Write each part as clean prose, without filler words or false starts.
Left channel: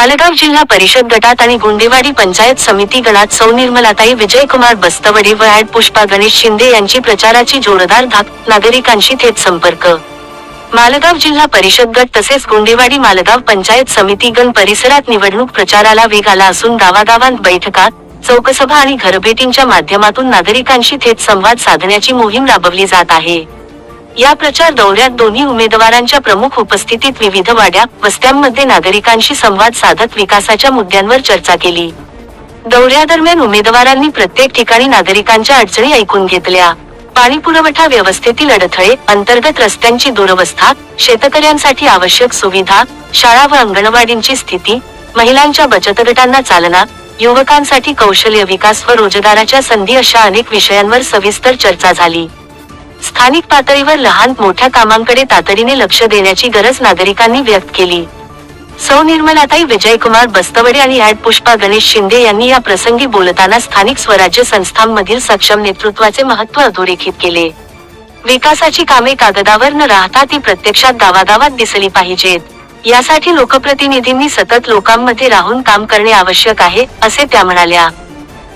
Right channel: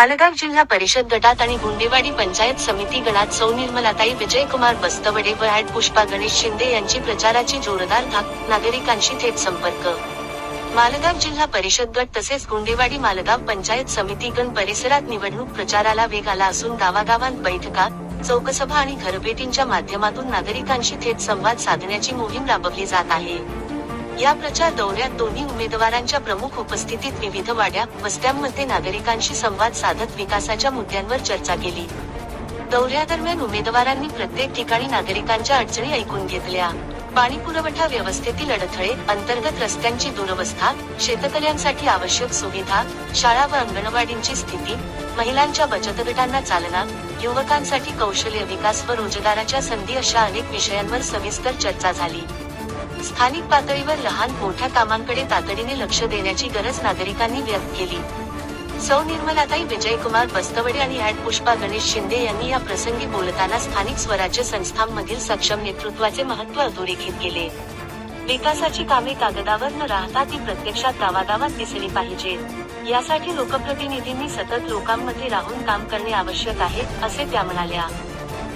मालेगाव जिल्हा परिषद गटात आणि गुंडेवाडी पंचायत समिती गणात सौ निर्मलाताई विजयकुमार बस्तवडे व ॲड पुष्पा गणेश शिंदे यांची प्रचाराची जोरदार धाक, नागरिकांशी थेट संपर्क. मालेगाव जिल्हा परिषद गट तसेच गुंडेवाडी मालेगाव पंचायत समिती गण परिसरात निवडणूक प्रचाराला वेग आला असून गावागावांत बैठका, चौकसभा आणि घरभेटींच्या माध्यमातून नागरिकांशी थेट संवाद साधण्याची मोहीम राबवली जात आहे. या प्रचार दौऱ्यात दोन्ही उमेदवारांच्या प्रमुख उपस्थितीत विविध वाड्या, वस्त्यांमध्ये नागरिकांशी संवाद साधत विकासाच्या मुद्द्यांवर चर्चा केली. दौऱ्यादरम्यान उमेदवारांनी प्रत्येक ठिकाणी नागरिकांच्या अडचणी ऐकून घेतल्या. पाणीपुरवठा व्यवस्थेतील अडथळे, अंतर्गत रस्त्यांची दुरवस्था, शेतकऱ्यांसाठी आवश्यक सुविधा, शाळा व अंगणवाडींची स्थिती, महिलांच्या बचत गटांना चालना, युवकांसाठी कौशल्य विकास व रोजगाराच्या संधी अशा अनेक विषयांवर सविस्तर चर्चा झाली. स्थानिक पातळीवर लहान मोठ्या कामांकडे तातडीने लक्ष देण्याची गरज नागरिकांनी व्यक्त केली. सौ निर्मलाताई विजयकुमार बस्तवडे आणि ॲड पुष्पा गणेश शिंदे यांनी या प्रसंगी बोलताना स्थानिक स्वराज्य संस्थांमधील सक्षम नेतृत्वाचे महत्त्व अधोरेखित केले. विकासाची कामे कागदावर न राहता ती प्रत्यक्षात गावागावात दिसली पाहिजेत. यासाठी लोकप्रतिनिधींनी सतत लोकांमध्ये राहून काम करणे आवश्यक आहे, असे त्या म्हणाल्या.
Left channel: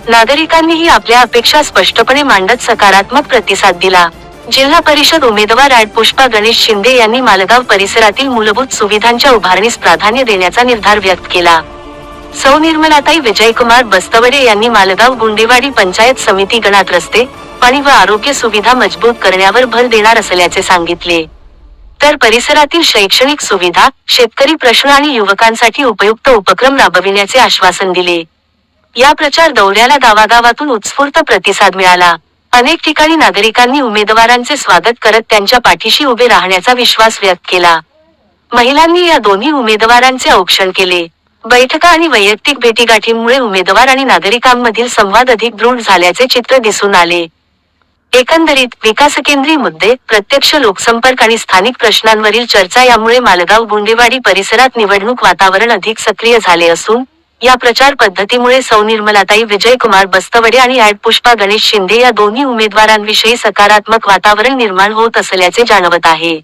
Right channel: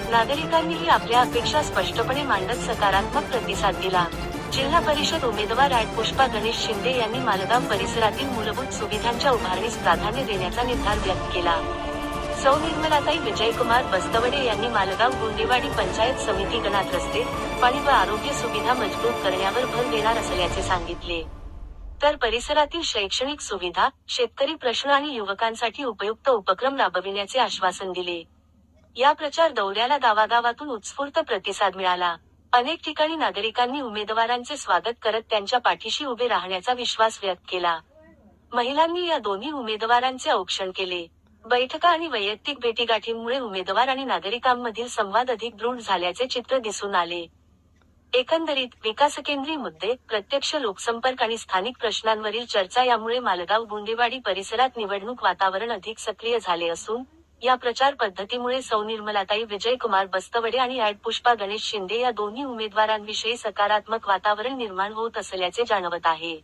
नागरिकांनीही आपल्या अपेक्षा स्पष्टपणे मांडत सकारात्मक प्रतिसाद दिला. जिल्हा परिषद उमेदवार ॲड पुष्पा गणेश शिंदे यांनी मालेगाव परिसरातील मूलभूत सुविधांच्या उभारणीस प्राधान्य देण्याचा निर्धार व्यक्त केला. सौ निर्मलाताई विजयकुमार बस्तवडे यांनी मालेगाव गुंडेवाडी पंचायत समिती गणात रस्ते, पाणी व आरोग्य सुविधा मजबूत करण्यावर भर देणार असल्याचे सांगितले. तर परिसरातील शैक्षणिक सुविधा, शेतकरी प्रश्न आणि युवकांसाठी उपयुक्त उपक्रम राबविण्याचे आश्वासन दिले. या प्रचार दौऱ्याला गावागावातून उत्स्फूर्त प्रतिसाद मिळाला. अनेक ठिकाणी नागरिकांनी उमेदवारांचे स्वागत करत त्यांच्या पाठीशी उभे राहण्याचा विश्वास व्यक्त केला. महिलांनी या दोन्ही उमेदवारांचे औक्षण केले. बैठका आणि वैयक्तिक भेटीगाठींमुळे उमेदवार आणि नागरिकांमधील संवाद अधिक दृढ झाल्याचे चित्र दिसून आले. एकंदरीत विकासकेंद्री मुद्दे, प्रत्यक्ष लोकसंपर्क आणि स्थानिक प्रश्नांवरील चर्चा यामुळे मालेगाव गुंडेवाडी परिसरात निवडणूक वातावरण अधिक सक्रिय झाले असून, या प्रचार पद्धतीमुळे सौ निर्मलाताई विजयकुमार बस्तवडे आणि ॲड पुष्पा गणेश शिंदे या दोन्ही उमेदवारांविषयी सकारात्मक वातावरण निर्माण होत असल्याचे जाणवत आहे.